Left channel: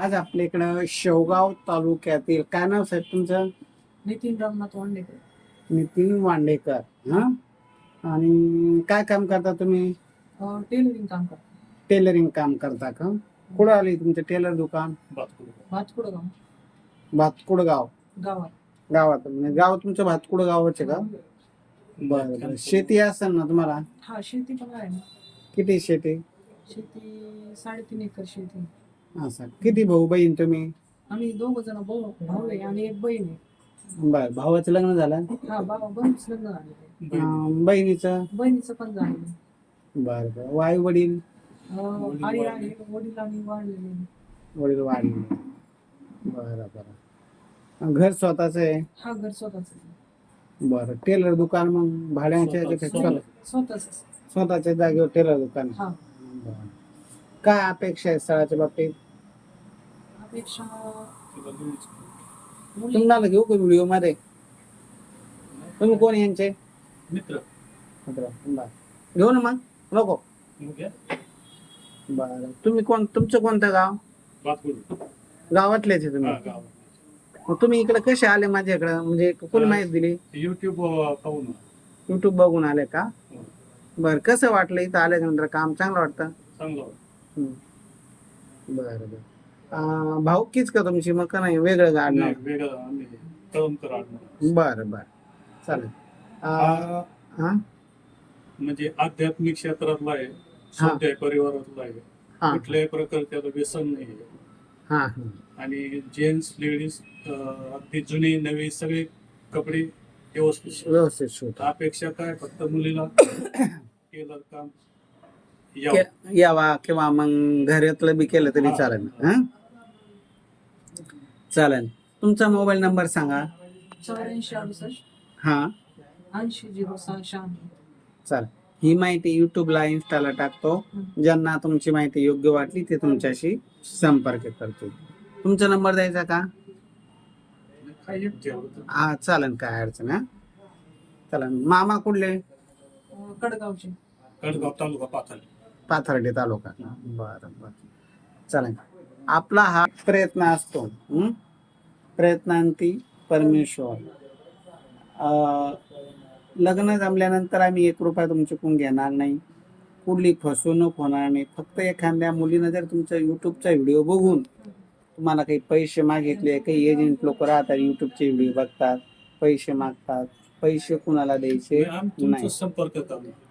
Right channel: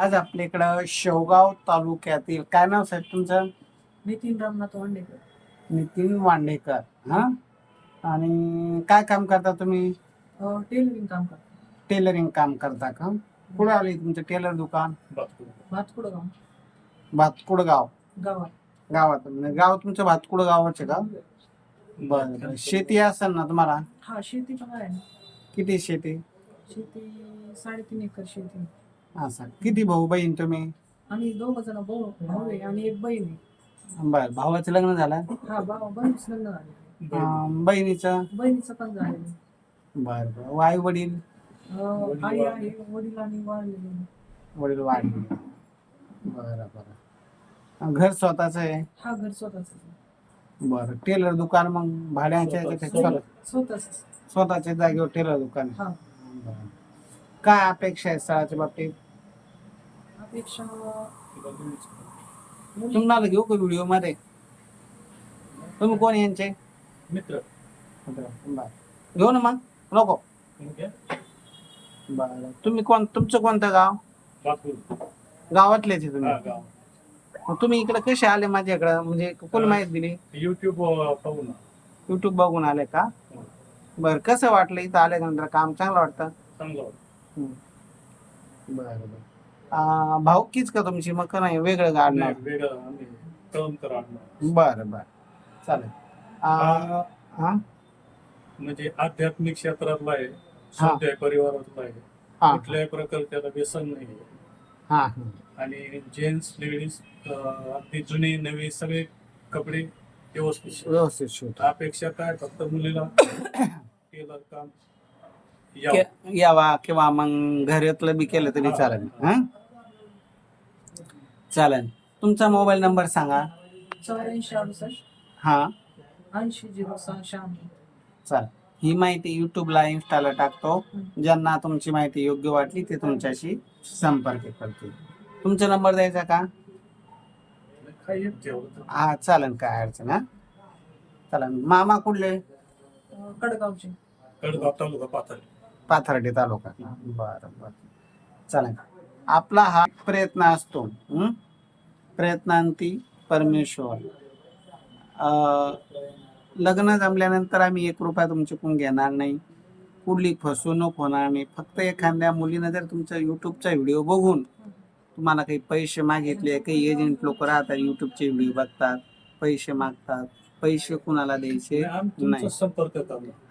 आज आपल्या इकडं शेवगाव तालुक्यातील काय नाव साहेब तुमचं? नितीन रामनाथ वांडेकर. नितीन वांडेकर हा? आणि काय काम करता तुम्ही? अं, टेलरिंग काम करतो. टेलरिंग काम करता का? कुठं आले तुमचं टेलर दुकान? भातकुड गाव भातकुड गाव गावात. गावात म्हणजे गाव तुमचं भातकुड गावाचे का? बरं बरं शेती असेल ना तुम्हाला? हा शेती पण आहे ना. किती शेती? शेती साडेतीन एकर शेती असं. किती भाऊ बहीण तुम्ही? आम्ही दोघ जण भाऊ भाऊ आहे आणि एक बहीण आहे. बर भावाचं लग्न झालं? हा भाऊ बहिणीच लग्न झालेलं आहे. अं, बहिणीचं? बहिणीचं पण झालेलं आहे. बरं बरं. वडील? अं, आई आहे वडील वडील वाढले बरं बरं. घर स्वतःच आहे? हा घर स्वतःच बरं. टेलर दुकान मग? भाड्याच्या स्वतःच. स्वतःच्या जागेवर टेलर दुकान हा. बरं. काय अपेक्षा आहे स्थळाच्या बाबतीत? अपेक्षा तुम्हाला घेऊ का व्हिडिओमध्ये? तुम्ही कोण यांचे? मित्र. मित्र. बरं. घेऊ ना मग. नको. बरं. तुम्ही कोण तुमचं कोणतं गाव? गावातलेच आहे तुम्ही. मग तुम्ही इकडे कसे आले माझ्याकडे? म्हणजे कोणी माहिती दिली? युट्यूब पाहून. युट्यूब बघून आले का? हो. बर कसं वाटलं इथं आल्यानंतर? काम चांगलं वाटतं? चांगलं. बरं बरं. अं, भाऊकीच का तुमची? मग का नाही? वेगळं गाडणार. बरं बरं. चालेल. हा? म्हणजे आध्यात्मिक क्षेत्रातला आहे स्वाध्याय परिवारातला आहे. हा. कुठल्याही प्रकारच्याला व्यसन नाही. हा हा. आणि जेंट्स लेडीज अगदी जुनी नवी सगळे कपडे व्यवस्थित शिवतात. व्यवस्थित शिवतो अपेक्षा काय? फक्त मुलीला टेलर काम. के- यावा किंवा मग घरातलं बी केलं तरी हा. चालेल. हा? चालेल. तुमचा मोबाईल नंबर सांगा. चौऱ्याऐंशी अडुसष्ट. हा. ऐंशी झिरो सहा शहाण्णव. चालेल. ही माहिती युट्यूबला इन्स्टाला टाकतो. ज्यांना तुमची माहिती योग्य वाटली ते तुमच्याशी संपर्क करतील. तुमचा नंबर द्यायचा का? एक हा चालेल. काय अडचण हा. चालेल. मामा कुठले? कडगावचे. कडगाव तालुका पाथर्डी. पाथर्डी तालुका बरं बरं. चालेल आपला हा प्रयत्न असतो. प्रयत्नांती परमेश्वर. लग्न जमल्यानंतर आम्ही एक रुपया तुमच्याकडून घेणार नाही. कुठली फसवणूक होणार नाही. फक्त एखाद्या मुलीनं जर तुमचा युट्यूबचा व्हिडिओ बघून तुम्हाला काही पैसे मागितले काही एजंट लोक राहतात युट्यूबचे व्हिडिओ बघतात पैसे मागतात. पैसे कुणाला द्यायचे? नाही. संपर्क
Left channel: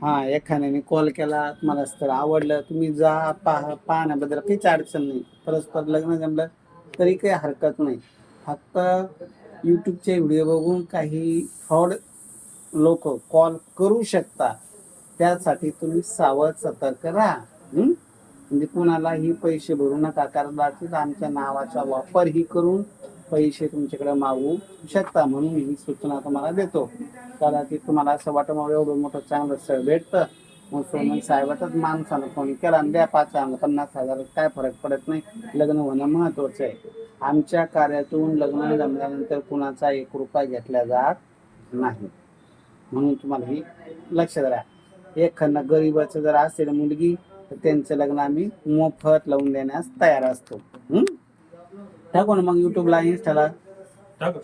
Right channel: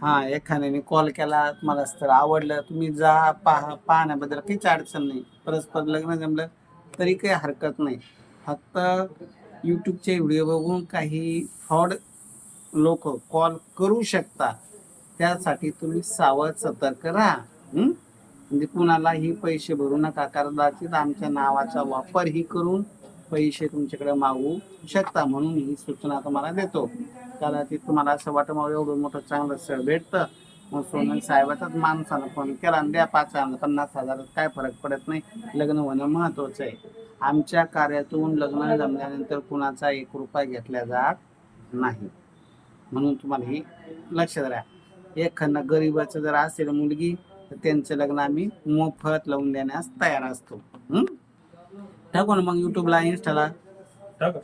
हा एखाद्याने कॉल केला तुम्हाला स्थळ आवडलं तुम्ही जा पाह पाहण्याबद्दल काहीच अडचण नाही. परस्पर लग्न जमलं तरी काही हरकत नाही. फक्त यूट्यूबचे व्हिडिओ बघून काही फ्रॉड लोक कॉल करू शकता. त्यासाठी तुम्ही सावध सतर्क राहा. हं? म्हणजे कुणालाही पैसे भरू नका कदाचित आमच्या नावाचा वापरही करून पैसे तुमच्याकडे मागू शकता म्हणून ही सूचना तुम्हाला देतो. कदाचित तुम्हाला असं वाटतं मग एवढं मोठं चांगलं सर भेटतं. मग सोनं साहेबाचाच माणसानं फोन केला आणि द्या पाच हजार पन्नास हजार काय फरक पडत नाही. लग्न होणं महत्वाचं आहे. आमच्या कार्यातून लग्न जमल्यानंतर कुणाचा एक रुपया घेतला जात नाही. म्हणून तुम्हाला ही लक्षात राहा. एखादं गरीबाचं जर असेल मुलगी तर त्यांचं लग्न आम्ही मोफत लावून देण्यास तयार असतो. टाकू ना मग युट्यूबला इन्स्टाला टाका.